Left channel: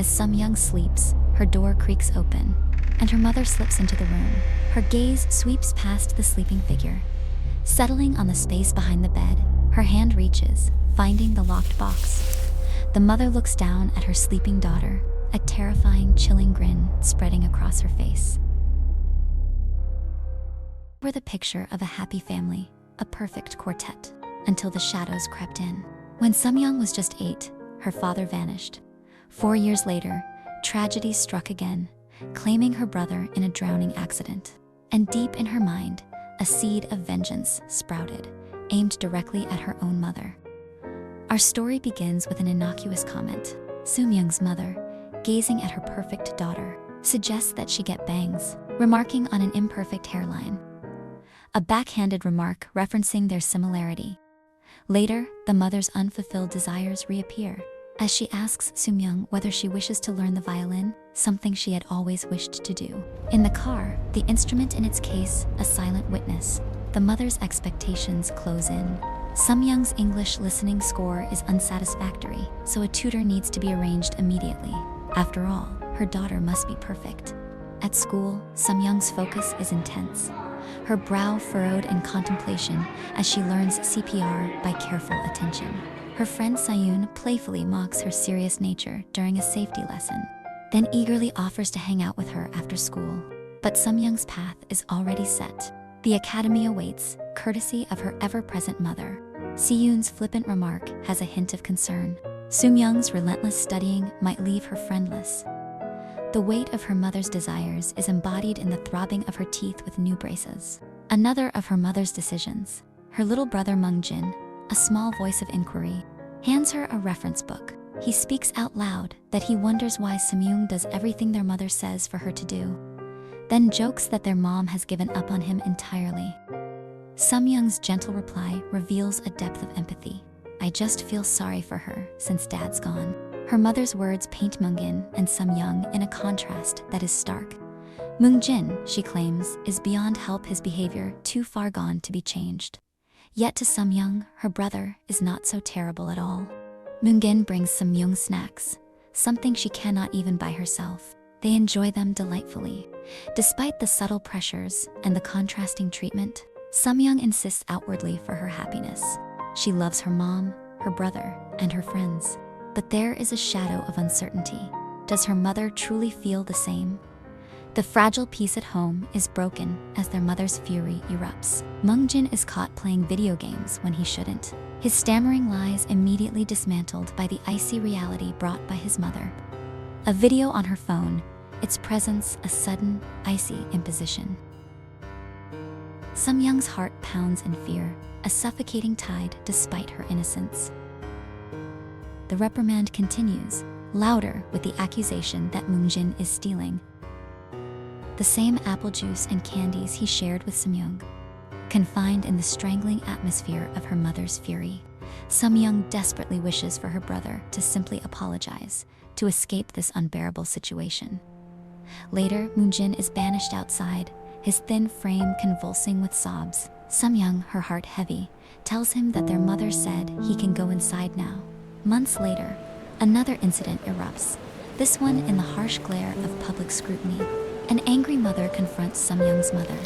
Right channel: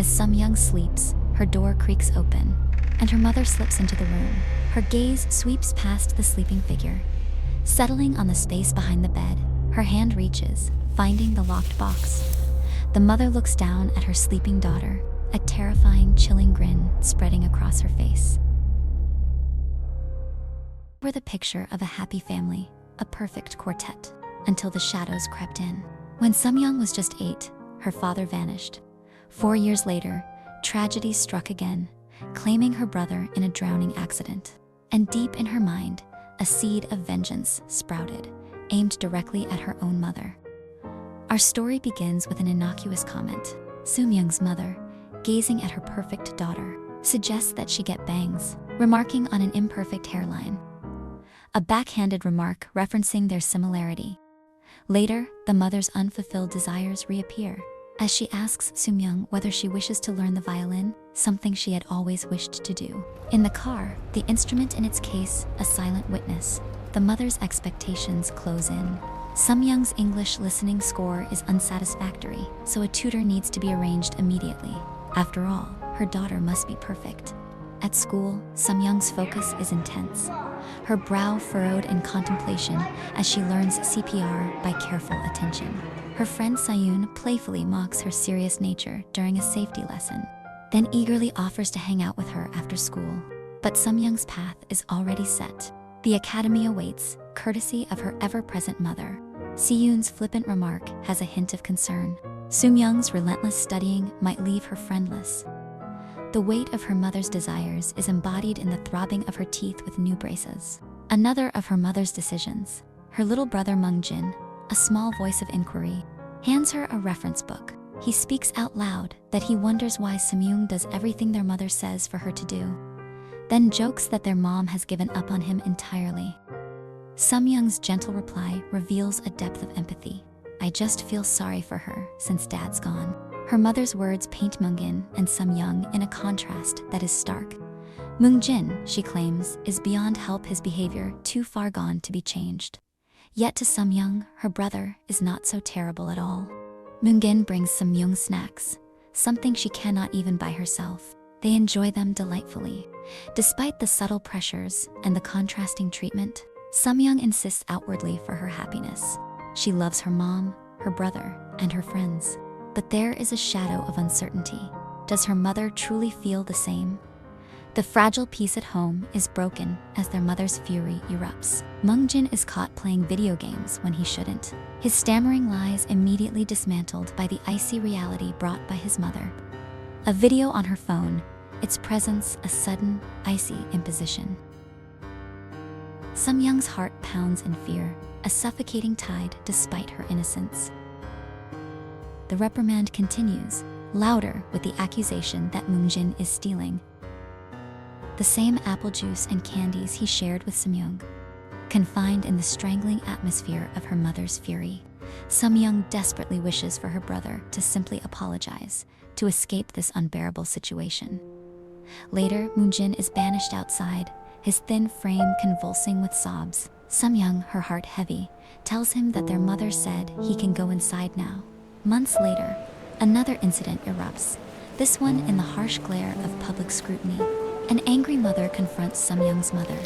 As Somyung sleeps, her door creaks open, and her mother slips into the room. Her gaze sweeps past the sleeping figure. Settling on the space behind the bed, her hand reaches, finding the locked box. The mother looks down at her sleeping daughter, a terrifying, chilling grin spreading across her face. We're the picture of a happy family, a perfect quartet, until the shadows crept in. When Somyung was just 8, her father vanished. 4 years later, tragedy struck again, claiming her brother in a drowning accident. And deep in her mind, a seed of vengeance sprouted, aimed directly at her own mother. Our story begins with an innocuous comment. Somyung's mother, gazing at her perfect daughter, suggests that she get bangs, remarking on an imperfect hairline. A backhanded remark referencing their similarity. Later, the mother's unfulfilled desires reappear, as she asks Somyung whether she wishes to learn the violin, something she had always wished to do. In the car, the instrument in its case, a silent witness, the mother's expectations close in. Somyung's English listening score is unsatisfactory, so a tutor needs to be arranged immediately. After all, her daughter must be perfect. At school, Somyung's focus is intense, her brow furrowed in contemplation as she learns CPR by careful attention. Her friend Sayun playfully mocks her serious nature during a safety lesson, then eagerly offers to hang out with her after school. But Somyung's path is already set. The academy awaits, courtesy of her ever-present mother. Siyun's flippant remark has a hint of concern. Somyung's relentless studying might leave her friendless. The weight of her mother's desires is embodied in the throbbing of her teeth with new braces. Another of her mother's decisions, her little brother Mungjin, a small voice of inquiry, hands her a reference book. He speaks out loud that he wonders why Somyung does everything their mother says for her to do, then jokes that their mom has given up on him entirely. Somyung's gentle reply reveals a depth of empathy. I just feel sorry for her since dad's gone. Her mother's words paint Mungjin and Somyung in a contrast that is stark. Mungjin, she claims, is beyond help, his behavior too far gone to be changed. Yet to Somyung, her brother is not so terrible at all. Mungjin brings Somyung snacks, something she cannot even buy herself. They enjoy them delightfully. Despite the subtle pressures and the contrasting treatment, Somyung insists outwardly for her happiness. She loves her mom, her brother, and her friends. But there is a shadow of uncertainty. Does her mother truly feel the same? The fragile peace at home is broken as their mother's fury erupts. Mungjin is caught playing video games when he shouldn't. His stammering lies immediately dismantled by the icy reality brought by his mother. A video on her phone, its presence a sudden, icy imposition. Somyung's heart pounds in fear, a suffocating tide despite her innocence. The reprimand continues, louder with the accusation that Mungjin is stealing the same apple juice and candies he shared with Somyung. Confined in the strangling atmosphere of her mother's fury, Somyung desperately wishes for her brother to simply apologize, to escape this unbearable situation. Later, Mungjin is banished outside, his thin frame convulsing with sobs. Somyung, her heart heavy, tells him that their mother said he can go inside now. Months later, another incident erupts, this one in the harsh glare of public scrutiny. An angry mother confronts Somyung's mother,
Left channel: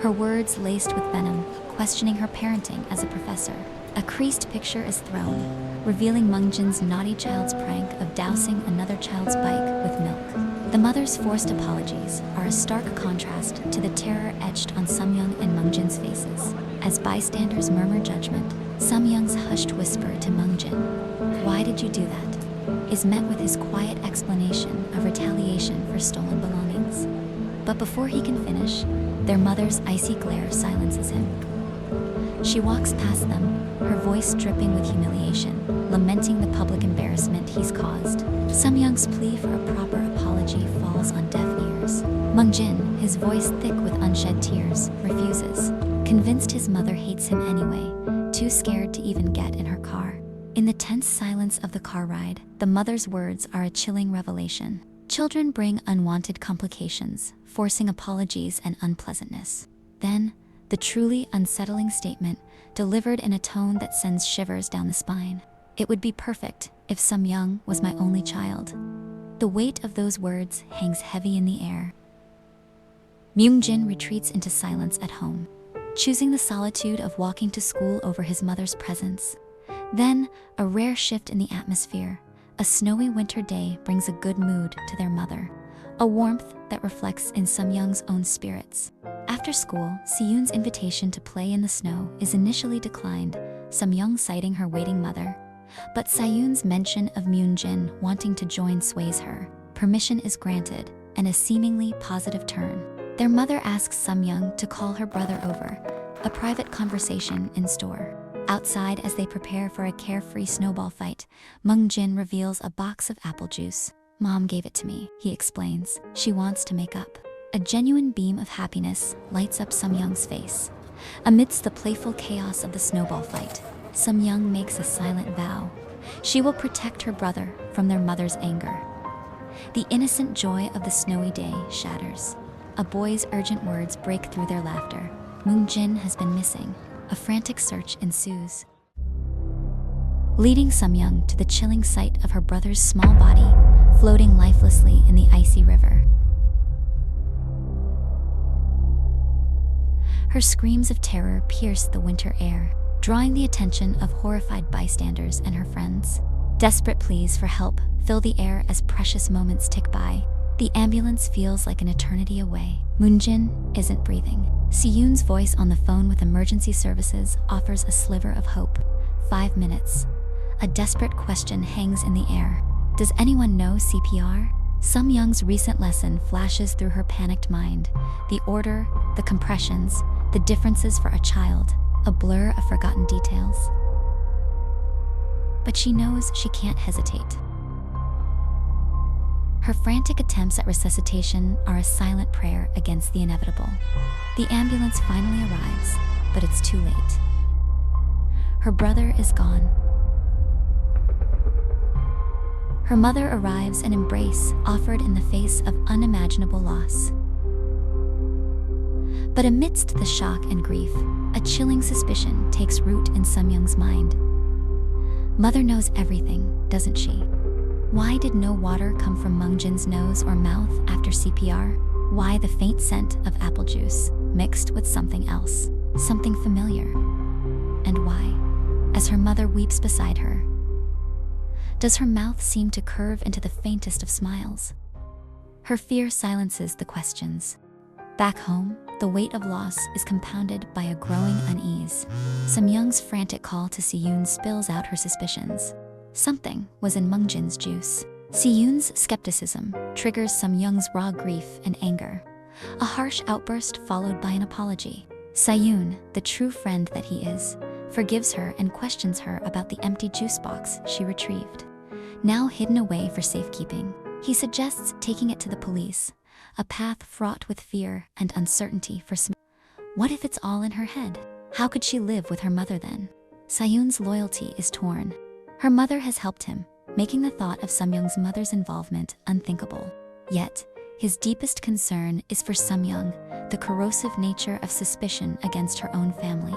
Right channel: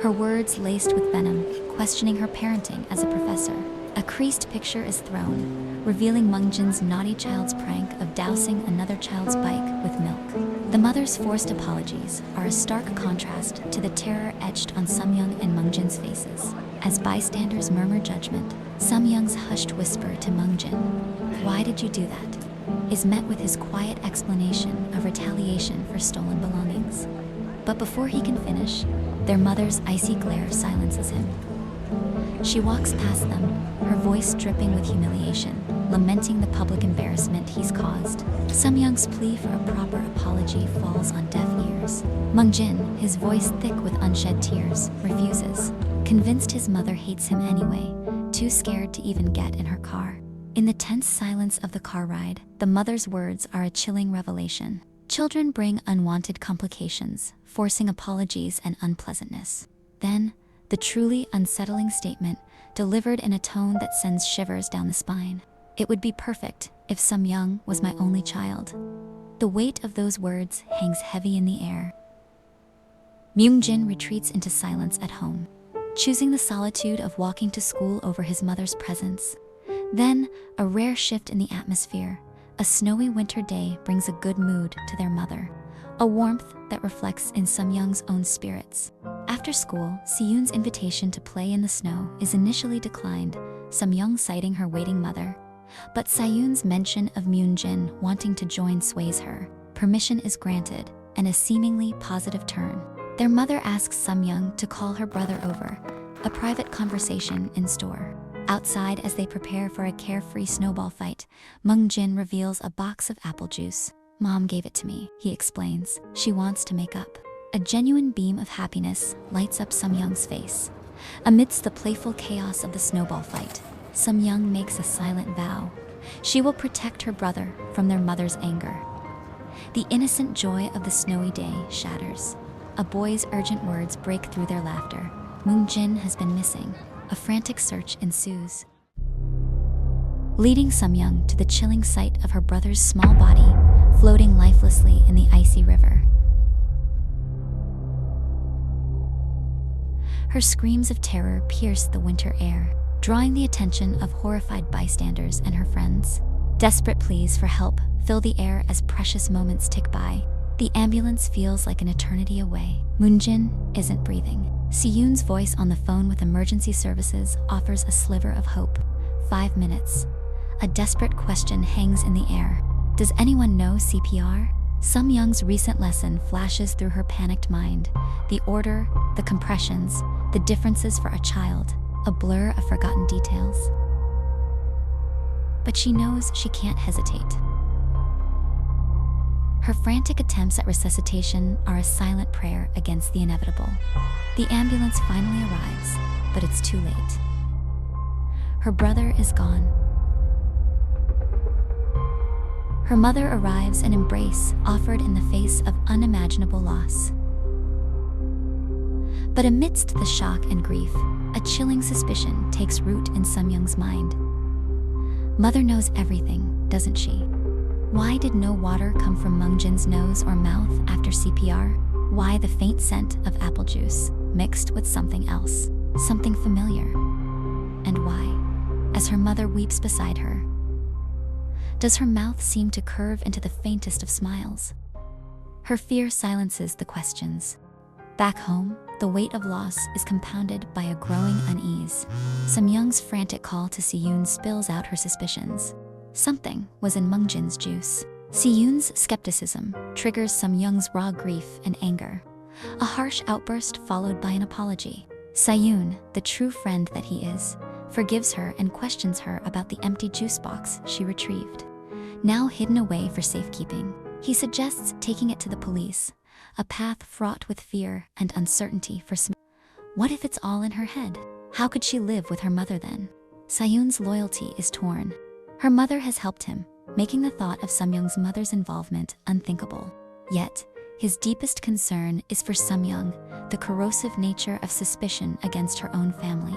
her words laced with venom, questioning her parenting as a professor. A creased picture is thrown, revealing Mungjin's naughty child's prank of dousing another child's bike with milk. The mother's forced apologies are a stark contrast to the terror etched on Somyung and Mungjin's faces. As bystanders murmur judgment, Somyung's hushed whisper to Mungjin, "Why did you do that?" is met with his quiet explanation of retaliation for stolen belongings. But before he can finish, their mother's icy glare silences him. She walks past them, her voice dripping with humiliation, lamenting the public embarrassment he's caused. Somyung's plea for a proper apology falls on deaf ears. Mungjin, his voice thick with unshed tears, refuses, convinced his mother hates him anyway, too scared to even get in her car. In the tense silence of the car ride, the mother's words are a chilling revelation. Children bring unwanted complications, forcing apologies and unpleasantness. Then, the truly unsettling statement, delivered in a tone that sends shivers down the spine. It would be perfect if Somyung was my only child. The weight of those words hangs heavy in the air. Mungjin retreats into silence at home, choosing the solitude of walking to school over his mother's presence. Then, a rare shift in the atmosphere. A snowy winter day brings a good mood to their mother, a warmth that reflects in Somyoung's own spirits. After school, Siyun's invitation to play in the snow is initially declined, Somyoung citing her waiting mother. But Siyun's mention of Mungjin wanting to join sways her. Permission is granted, and a seemingly positive turn. Their mother asks Somyoung to call her brother over, a private conversation in store. Outside, as they prepare for a carefree snowball fight, Mungjin reveals a box of apple juice. "Mom gave it to me," he explains. She wants to make up. A genuine beam of happiness lights up Somyoung's face. Amidst the playful chaos of the snowball fight, Somyoung makes a silent vow. She will protect her brother from their mother's anger. The innocent joy of the snowy day shatters. A boy's urgent words break through their laughter. Mungjin has been missing. A frantic search ensues, leading Somyoung to the chilling sight of her brother's small body floating lifelessly in the icy river. Her screams of terror pierce the winter air, drawing the attention of horrified bystanders and her friends. Desperate pleas for help fill the air as precious moments tick by. The ambulance feels like an eternity away. Mungjin isn't breathing. Siyun's voice on the phone with emergency services offers a sliver of hope. 5 minutes. A desperate question hangs in the air. Does anyone know CPR? Somyoung's recent lesson flashes through her panicked mind. The order, the compressions, the differences for a child, a blur of forgotten details. But she knows she can't hesitate. Her frantic attempts at resuscitation are a silent prayer against the inevitable. The ambulance finally arrives, but it's too late. Her brother is gone. Her mother arrives, an embrace offered in the face of unimaginable loss. But amidst the shock and grief, a chilling suspicion takes root in Somyoung's mind. Mother knows everything, doesn't she? Why did no water come from Mungjin's nose or mouth after CPR? Why the faint scent of apple juice mixed with something else, something familiar? And why, as her mother weeps beside her, does her mouth seem to curve into the faintest of smiles? Her fear silences the questions. Back home, the weight of loss is compounded by a growing unease. Somyoung's frantic call to Siyun spills out her suspicions. Something was in Mungjin's juice. Siyun's skepticism triggers Somyoung's raw grief and anger. A harsh outburst followed by an apology. Siyun, the true friend that he is, forgives her and questions her about the empty juice box she retrieved, now hidden away for safekeeping. He suggests taking it to the police, a path fraught with fear and uncertainty for Somyoung. What if it's all in her head? How could she live with her mother then? Siyun's loyalty is torn. Her mother has helped him, making the thought of Somyoung's mother's involvement unthinkable. Yet, his deepest concern is for Somyoung, the corrosive nature of suspicion against her own family.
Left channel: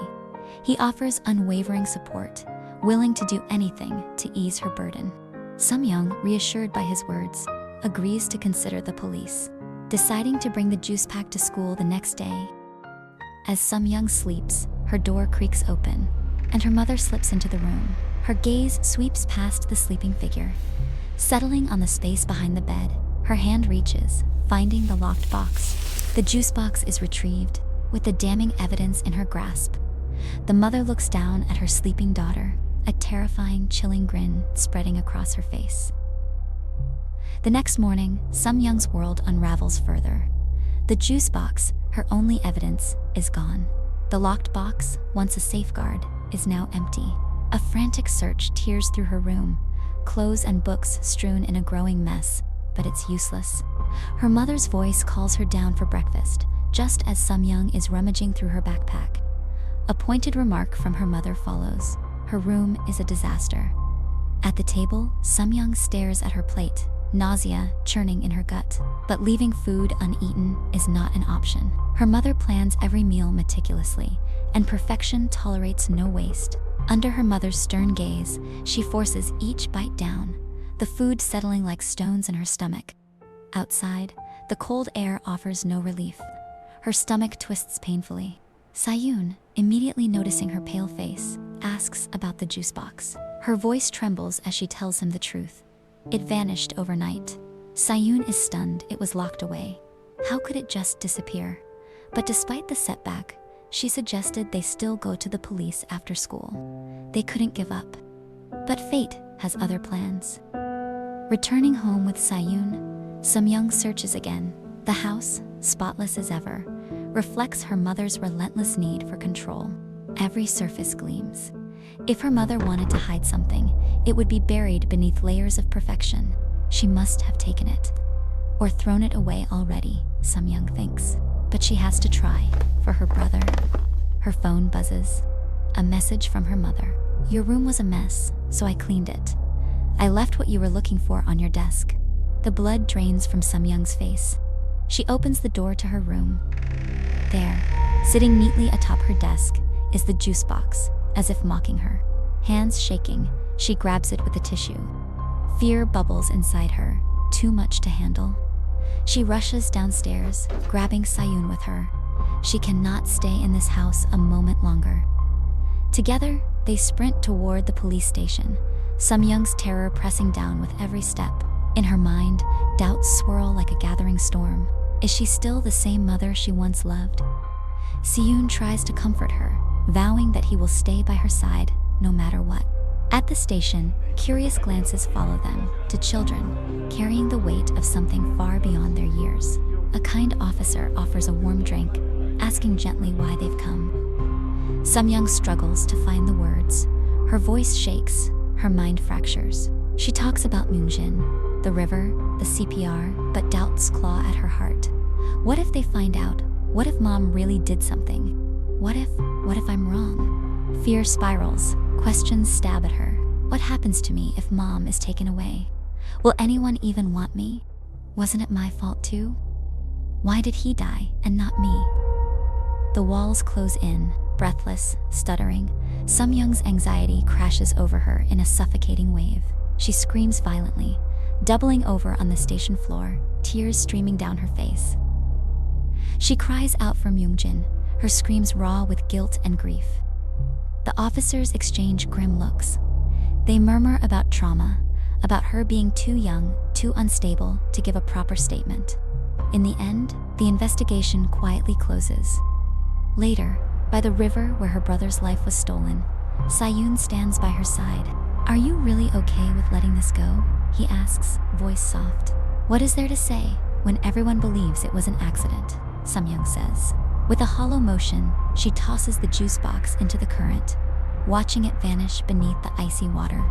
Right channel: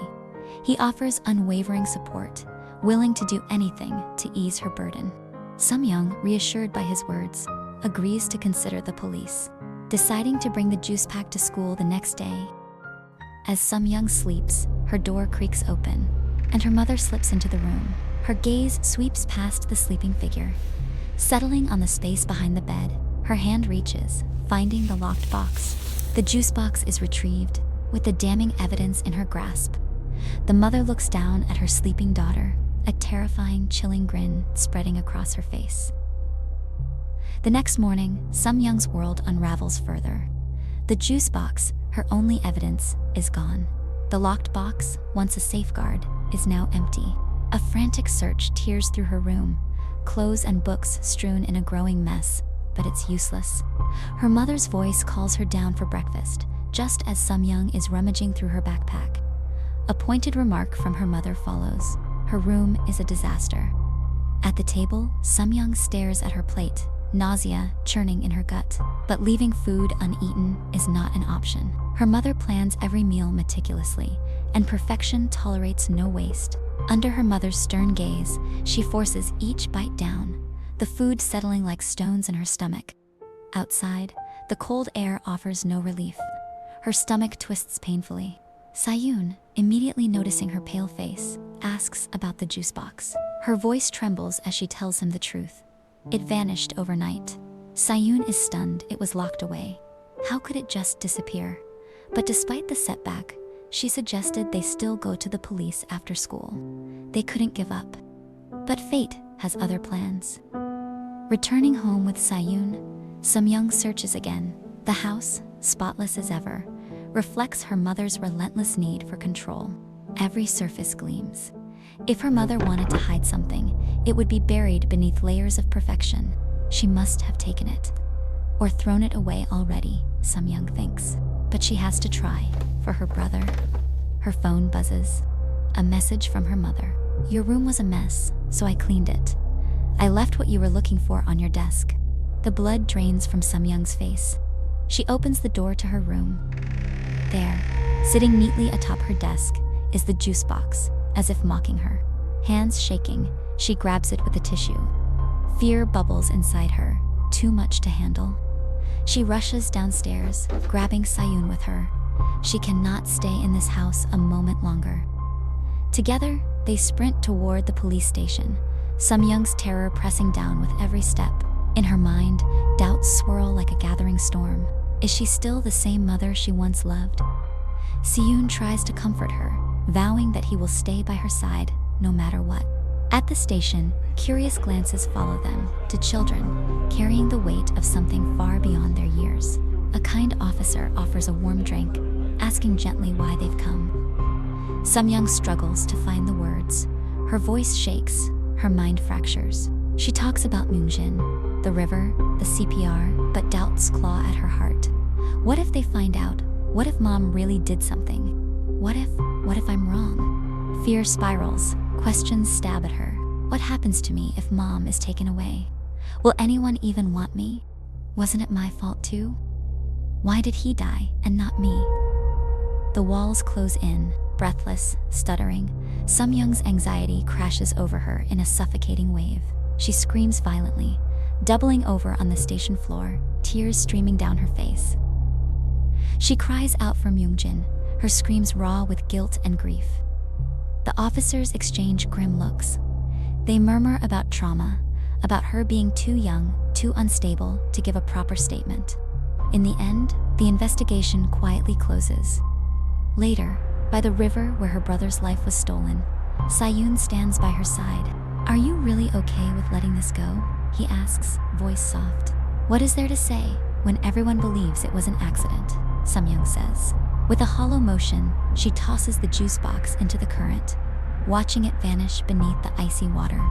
He offers unwavering support, willing to do anything to ease her burden. Somyoung, reassured by his words, agrees to consider the police, deciding to bring the juice pack to school the next day. As Somyoung sleeps, her door creaks open, and her mother slips into the room. Her gaze sweeps past the sleeping figure. Settling on the space behind the bed, her hand reaches, finding the locked box. The juice box is retrieved, with the damning evidence in her grasp. The mother looks down at her sleeping daughter, a terrifying, chilling grin spreading across her face. The next morning, Somyoung's world unravels further. The juice box, her only evidence, is gone. The locked box, once a safeguard, is now empty. A frantic search tears through her room, clothes and books strewn in a growing mess, but it's useless. Her mother's voice calls her down for breakfast, just as Somyoung is rummaging through her backpack. A pointed remark from her mother follows. Her room is a disaster. At the table, Somyoung stares at her plate, nausea churning in her gut. But leaving food uneaten is not an option. Her mother plans every meal meticulously, and perfection tolerates no waste. Under her mother's stern gaze, she forces each bite down, the food settling like stones in her stomach. Outside, the cold air offers no relief. Her stomach twists painfully. Sayun, immediately noticing her pale face, asks about the juice box. Her voice trembles as she tells him the truth. It vanished overnight. Sayun is stunned. It was locked away. How could it just disappear? But despite the setback, she suggested they still go to the police after school. They couldn't give up. But fate has other plans. Returning home with Sayun, Somyung searches again. The house, spotless as ever, reflects her mother's relentless need for control. Every surface gleams. If her mother wanted to hide something, it would be buried beneath layers of perfection. She must have taken it. Or thrown it away already, Somyung thinks. But she has to try, for her brother. Her phone buzzes. A message from her mother. Your room was a mess, so I cleaned it. I left what you were looking for on your desk. The blood drains from Somyoung's face. She opens the door to her room. There, sitting neatly atop her desk, is the juice box, as if mocking her. Hands shaking, she grabs it with a tissue. Fear bubbles inside her, too much to handle. She rushes downstairs, grabbing Sayun with her. She cannot stay in this house a moment longer. Together, they sprint toward the police station, Somyoung's terror pressing down with every step. In her mind, doubts swirl like a gathering storm. Is she still the same mother she once loved? Siyun tries to comfort her, vowing that he will stay by her side, no matter what. At the station, curious glances follow them, to children, carrying the weight of something far beyond their years. A kind officer offers a warm drink, asking gently why they've come. Somyoung struggles to find the words. Her voice shakes, her mind fractures. She talks about Mungjin, the river, the CPR, but doubts claw at her heart. What if they find out? What if mom really did something? What if I'm wrong? Fear spirals, questions stab at her. What happens to me if mom is taken away? Will anyone even want me? Wasn't it my fault too? Why did he die and not me? The walls close in, breathless, stuttering. Somyoung's anxiety crashes over her in a suffocating wave. She screams violently, doubling over on the station floor, tears streaming down her face. She cries out for Mungjin, her screams raw with guilt and grief. The officers exchange grim looks. They murmur about trauma, about her being too young, too unstable to give a proper statement. In the end, the investigation quietly closes. Later, by the river where her brother's life was stolen, Sayun stands by her side. Are you really okay with letting this go? He asks, voice soft. What is there to say when everyone believes it was an accident? Somyoung says. With a hollow motion, she tosses the juice box into the current, watching it vanish beneath the icy water.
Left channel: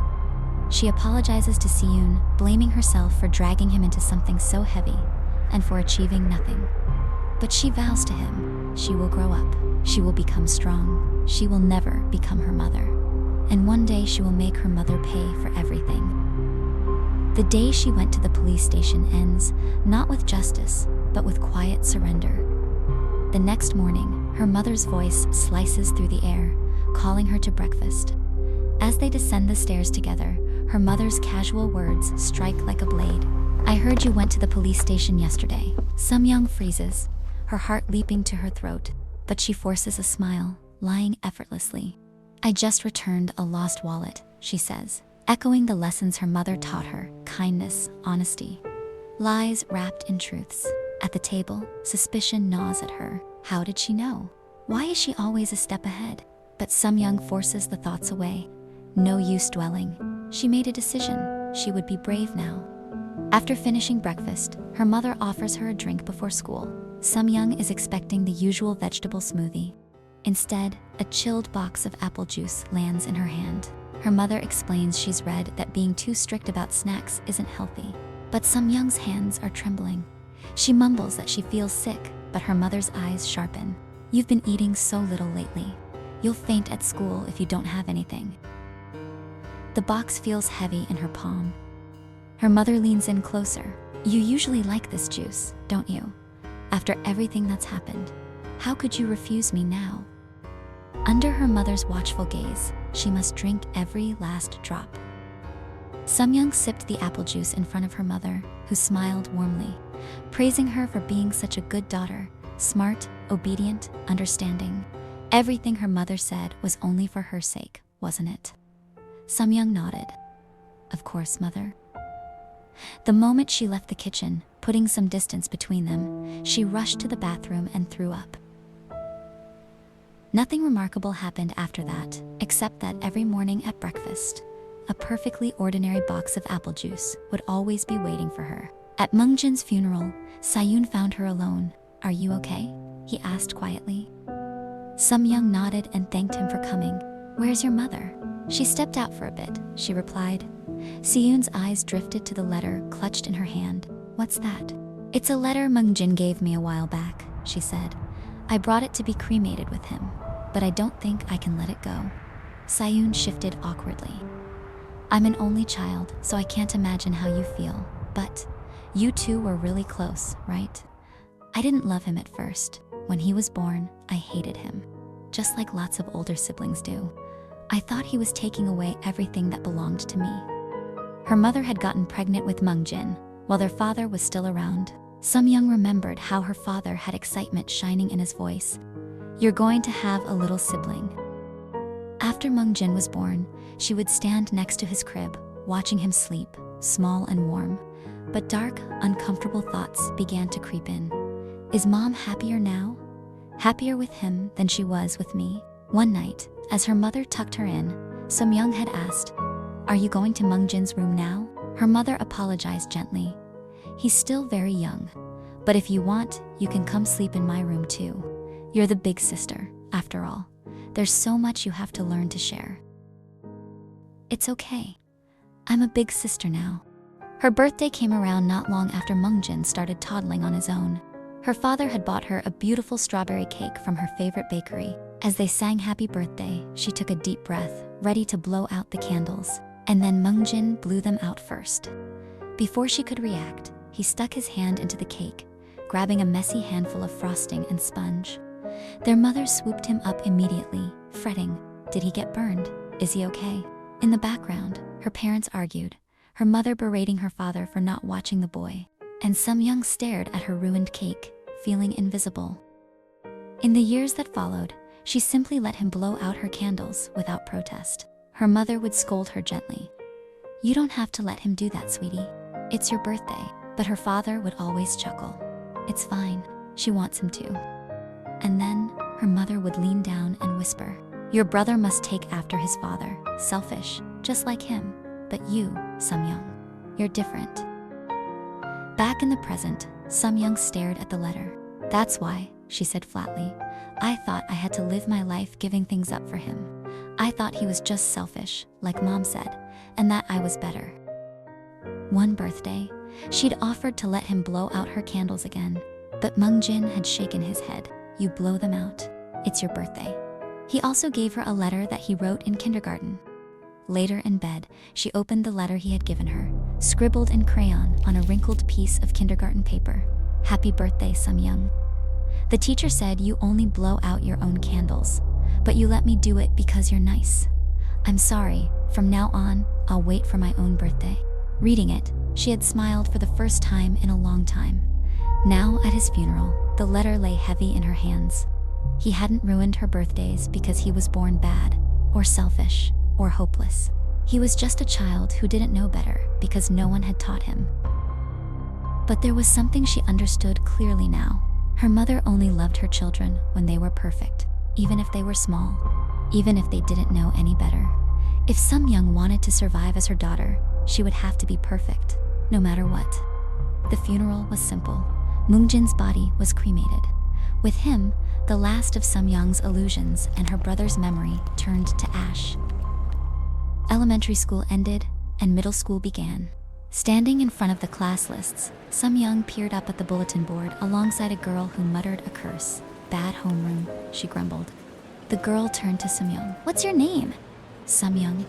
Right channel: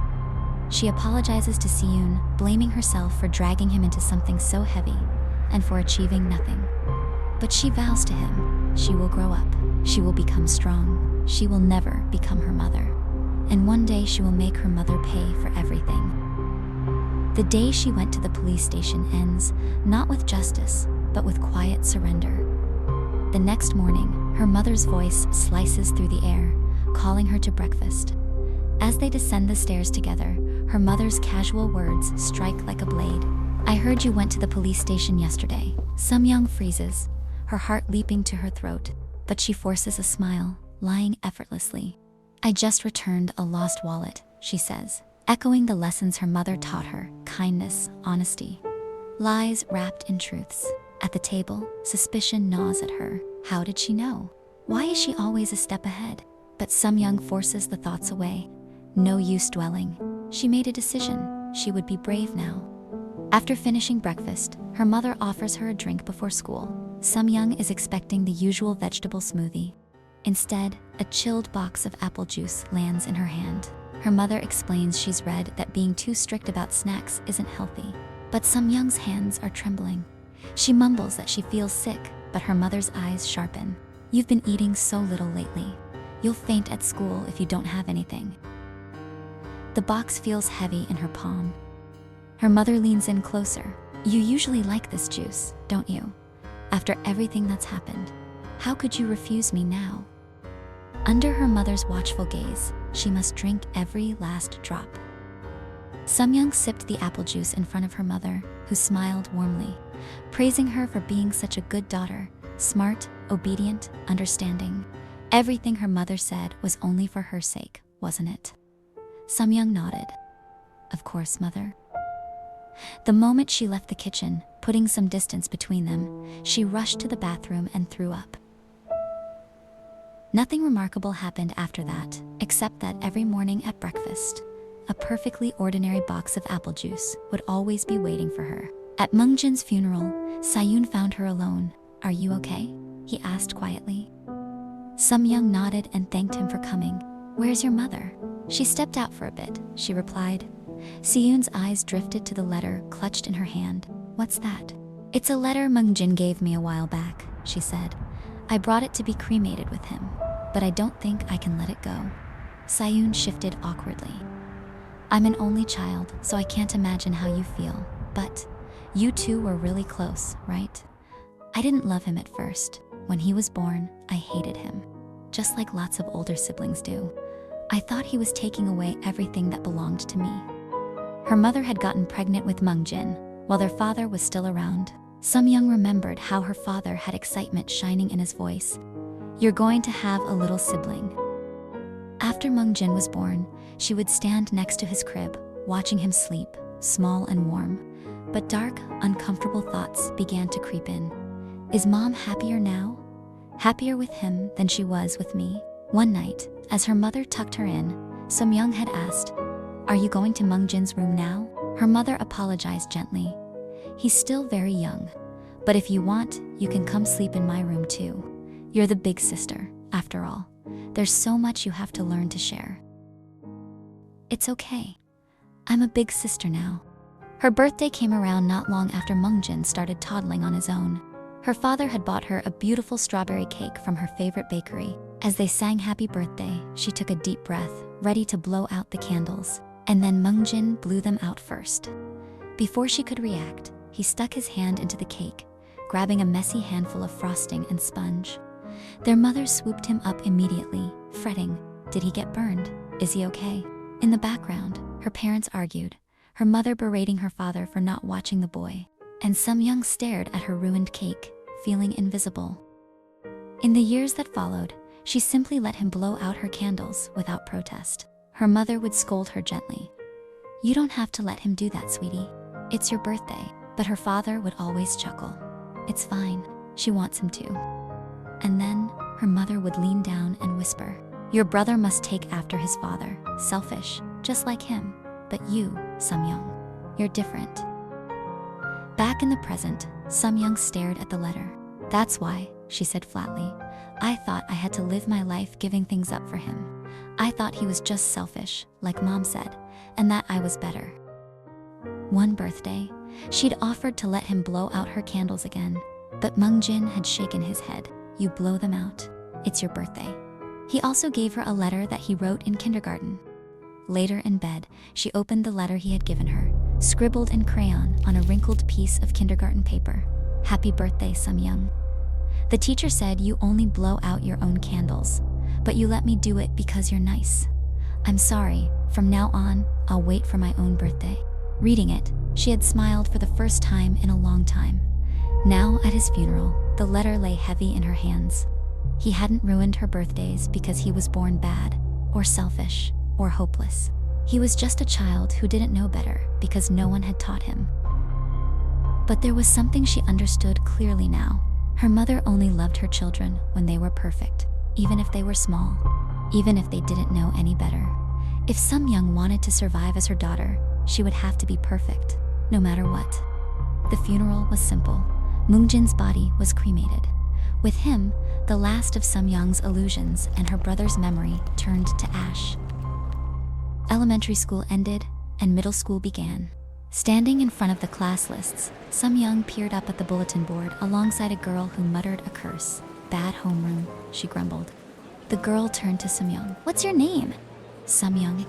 She apologizes to Siyun, blaming herself for dragging him into something so heavy and for achieving nothing. But she vows to him, she will grow up, she will become strong, she will never become her mother. And one day she will make her mother pay for everything. The day she went to the police station ends, not with justice, but with quiet surrender. The next morning, her mother's voice slices through the air, calling her to breakfast. As they descend the stairs together, her mother's casual words strike like a blade. I heard you went to the police station yesterday. Somyoung freezes, her heart leaping to her throat, but she forces a smile, lying effortlessly. I just returned a lost wallet, she says, echoing the lessons her mother taught her, kindness, honesty. Lies wrapped in truths. At the table, suspicion gnaws at her. How did she know? Why is she always a step ahead? But Somyoung forces the thoughts away. No use dwelling. She made a decision. She would be brave now. After finishing breakfast, her mother offers her a drink before school. Somyoung is expecting the usual vegetable smoothie. Instead, a chilled box of apple juice lands in her hand. Her mother explains she's read that being too strict about snacks isn't healthy. But Somyoung's hands are trembling. She mumbles that she feels sick, but her mother's eyes sharpen. You've been eating so little lately. You'll faint at school if you don't have anything. The box feels heavy in her palm. Her mother leans in closer. You usually like this juice, don't you? After everything that's happened, how could you refuse me now? Under her mother's watchful gaze, she must drink every last drop. Somyung sipped the apple juice in front of her mother, who smiled warmly, praising her for being such a good daughter, smart, obedient, understanding. Everything her mother said was only for her sake, wasn't it? Somyung nodded. Of course, mother. The moment she left the kitchen, putting some distance between them, she rushed to the bathroom and threw up. Nothing remarkable happened after that, except that every morning at breakfast, a perfectly ordinary box of apple juice would always be waiting for her. At Mungjin's funeral, Sayun found her alone. "Are you okay?" he asked quietly. Somyung nodded and thanked him for coming. "Where's your mother?" "She stepped out for a bit," she replied. Sayun's eyes drifted to the letter clutched in her hand. "What's that?" "It's a letter Mungjin gave me a while back," she said. "I brought it to be cremated with him, but I don't think I can let it go." Sayun shifted awkwardly. "I'm an only child, so I can't imagine how you feel, but you two were really close, right?" "I didn't love him at first. When he was born, I hated him, just like lots of older siblings do. I thought he was taking away everything that belonged to me." Her mother had gotten pregnant with Mungjin, while their father was still around. Somyung remembered how her father had excitement shining in his voice. "You're going to have a little sibling." After Mungjin was born, she would stand next to his crib, watching him sleep, small and warm. But dark, uncomfortable thoughts began to creep in. Is Mom happier now? Happier with him than she was with me? One night, as her mother tucked her in, Somyung had asked, "Are you going to Mungjin's room now?" Her mother apologized gently. "He's still very young, but if you want, you can come sleep in my room too. You're the big sister, after all. There's so much you have to learn to share." "It's okay. I'm a big sister now." Her birthday came around not long after Mungjin started toddling on his own. Her father had bought her a beautiful strawberry cake from her favorite bakery. As they sang happy birthday, she took a deep breath, ready to blow out the candles. And then Mungjin blew them out first. Before she could react, he stuck his hand into the cake, grabbing a messy handful of frosting and sponge. Their mother swooped him up immediately, fretting, "Did he get burned? Is he okay?" In the background, her parents argued, her mother berating her father for not watching the boy, and Somyung stared at her ruined cake, feeling invisible. In the years that followed, she simply let him blow out her candles without protest. Her mother would scold her gently. "You don't have to let him do that, sweetie. It's your birthday." But her father would always chuckle. "It's fine. She wants him to." And then her mother would lean down and whisper, "Your brother must take after his father, selfish, just like him. But you, Somyung, you're different." Back in the present, Somyung stared at the letter. "That's why," she said flatly. "I thought I had to live my life giving things up for him. I thought he was just selfish, like Mom said, and that I was better." One birthday, she'd offered to let him blow out her candles again, but Mungjin had shaken his head. "You blow them out. It's your birthday." He also gave her a letter that he wrote in kindergarten. Later in bed, she opened the letter he had given her, scribbled in crayon on a wrinkled piece of kindergarten paper. "Happy birthday, Somyung. The teacher said you only blow out your own candles, but you let me do it because you're nice. I'm sorry. From now on, I'll wait for my own birthday." Reading it, she had smiled for the first time in a long time. Now, at his funeral, the letter lay heavy in her hands. He hadn't ruined her birthdays because he was born bad, or selfish, or hopeless. He was just a child who didn't know better because no one had taught him. But there was something she understood clearly now. Her mother only loved her children when they were perfect, even if they were small, even if they didn't know any better. If Somyung wanted to survive as her daughter, she would have to be perfect, no matter what. The funeral was simple. Mungjin's body was cremated. With him, the last of Somyung's illusions and her brother's memory turned to ash. Elementary school ended, and middle school began. Standing in front of the class lists, Somyung peered up at the bulletin board alongside a girl who muttered a curse. "Bad homeroom," she grumbled. The girl turned to Somyung. "What's your name?" "Somyung."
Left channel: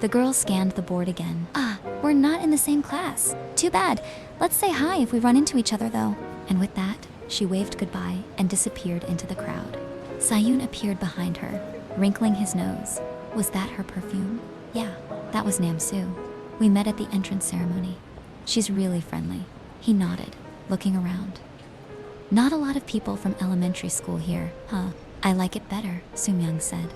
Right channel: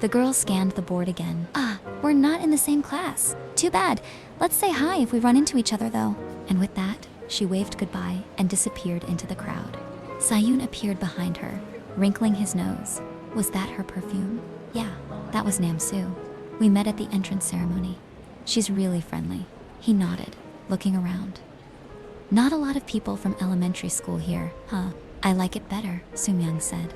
The girl scanned the board again. "Ah, we're not in the same class. Too bad. Let's say hi if we run into each other, though." And with that, she waved goodbye and disappeared into the crowd. Sayun appeared behind her, wrinkling his nose. Was that her perfume? Yeah, that was Namsu. We met at the entrance ceremony. She's really friendly. He nodded, looking around. Not a lot of people from elementary school here, huh? I like it better, Somyung said.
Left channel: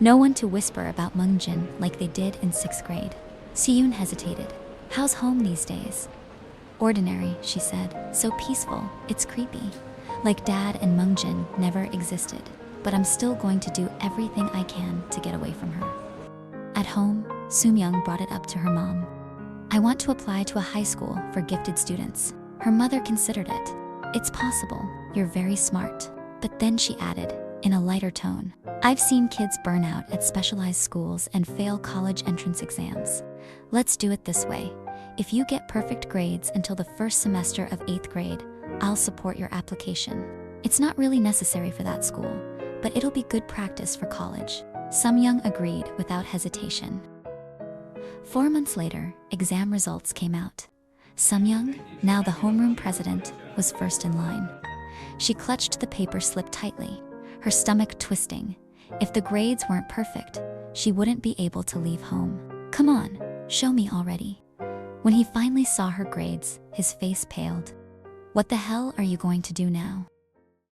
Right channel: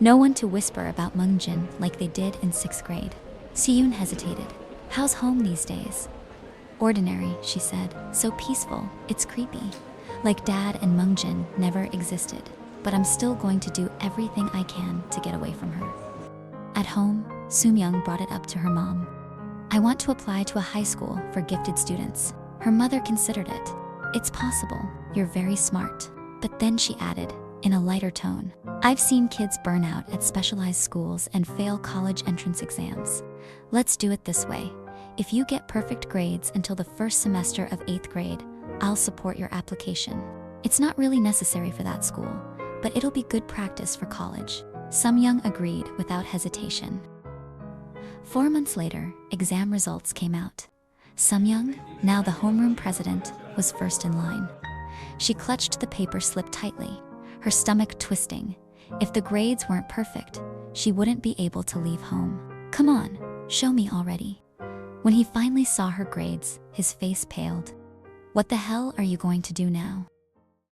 No one to whisper about Mungjin like they did in 6th grade. Siyun hesitated. How's home these days? Ordinary, she said. So peaceful, it's creepy. Like Dad and Mungjin never existed. But I'm still going to do everything I can to get away from her. At home, Somyung brought it up to her mom. I want to apply to a high school for gifted students. Her mother considered it. It's possible, you're very smart. But then she added, in a lighter tone, I've seen kids burn out at specialized schools and fail college entrance exams. Let's do it this way. If you get perfect grades until the first semester of 8th grade, I'll support your application. It's not really necessary for that school, but it'll be good practice for college. Somyung agreed without hesitation. 4 months later, exam results came out. Somyung, now the homeroom president, was first in line. She clutched the paper slip tightly, her stomach twisting. If the grades weren't perfect, she wouldn't be able to leave home. Come on, show me already. When he finally saw her grades, his face paled. What the hell are you going to do now?